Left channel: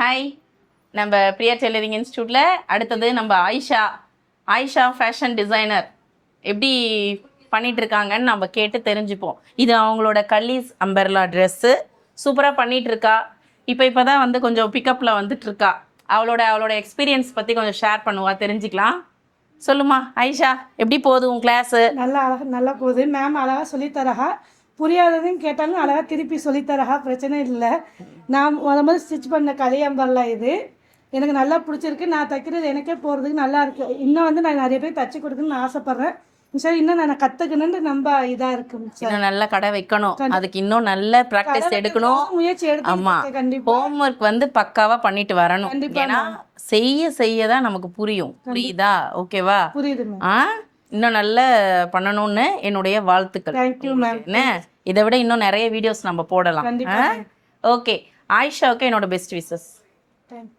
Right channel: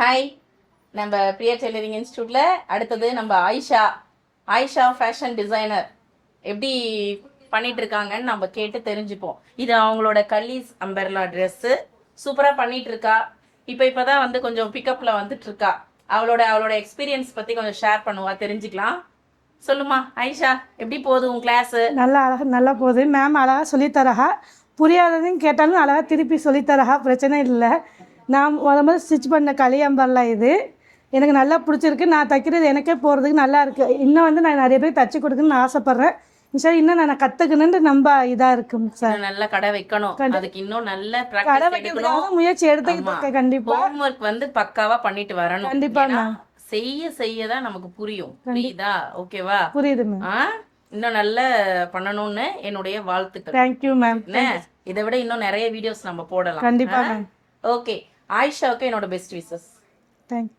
Hi, நம்ம Priya tailoring இன்ஸ்டியூட்டில் அடுத்தது நம்ம ஆயிஷா ஃபேஷன் டிசைனர் எப்படி பண்ணிட்டு இருக்காங்கன்னு நம்ம கேட்டு தெரிஞ்சுப்போம். இது அவங்களோட கல்லீஸ் அம்பர்லா ட்ரெஸ்ஸு சூப்பராக பண்ணிட்டு இருக்கா. இப்போ தான் வந்து கொஞ்சம் பிக்கப்பில் வந்துட்டு இருக்கா. அவளோட எக்ஸ்பீரியன்ஸ் பற்றி கொஞ்சம் ஷேர் பண்ணுவா, தெரிஞ்சுக்கலாம். சொல்லுமா ஆயிஷா, எப்படி போகுது உன் கிளாஸு? நல்லா போகுது மேம். அழகாக சொல்லித்தரஹா. புரியாததுன்னு கேட்டாலும் அழகாக திருப்பி சொல்லித்தரஹா, பிரச்சனை இல்லை. நான் முதல் ஸ்டிச் பண்ண கலியம்பர்ல இது எனக்கு நல்லா பிடிச்சிருக்கு. நான் தைக்கிறது எனக்கே போகிறதுக்கு நல்லா இருக்குது. இன்னும் வந்து நான் நிறைய பேர் தைச்சி கொடுக்குன்னு ஆசைப்பட்றேன். சார் இன்னும் நான் கற்றுக்கணுன்ட்டு ரொம்ப இதாக இருக்குங்க சார். நல்ல கடை வைக்கணும், அதுக்கு இன்னும் நல்ல ப்ராக்டிஸ் எடுக்கணும், முயற்சி எடுத்து கண்டிப்பாக ஹோம்ஒர்க் வந்து பக்காவாக பண்ணிட்டு வரணும். கண்டிப்பாக செய்ய தான் நமக்கு புரியும். புரியுதா? ஓகேவா? புரியுது. இன்னும் நல்லா பண்ணணும்னு என்னுடைய வாழ்த்துக்கள். Thank you ma'am. இதை விட இன்னும் நிறைய வீடியோஸ் நம்ம போடலாம். கண்டிப்பா. ஓகே, ஆயிஷாவுக்கு என்னோட பெஸ்ட் விஷஸ். தேங்க்யூ.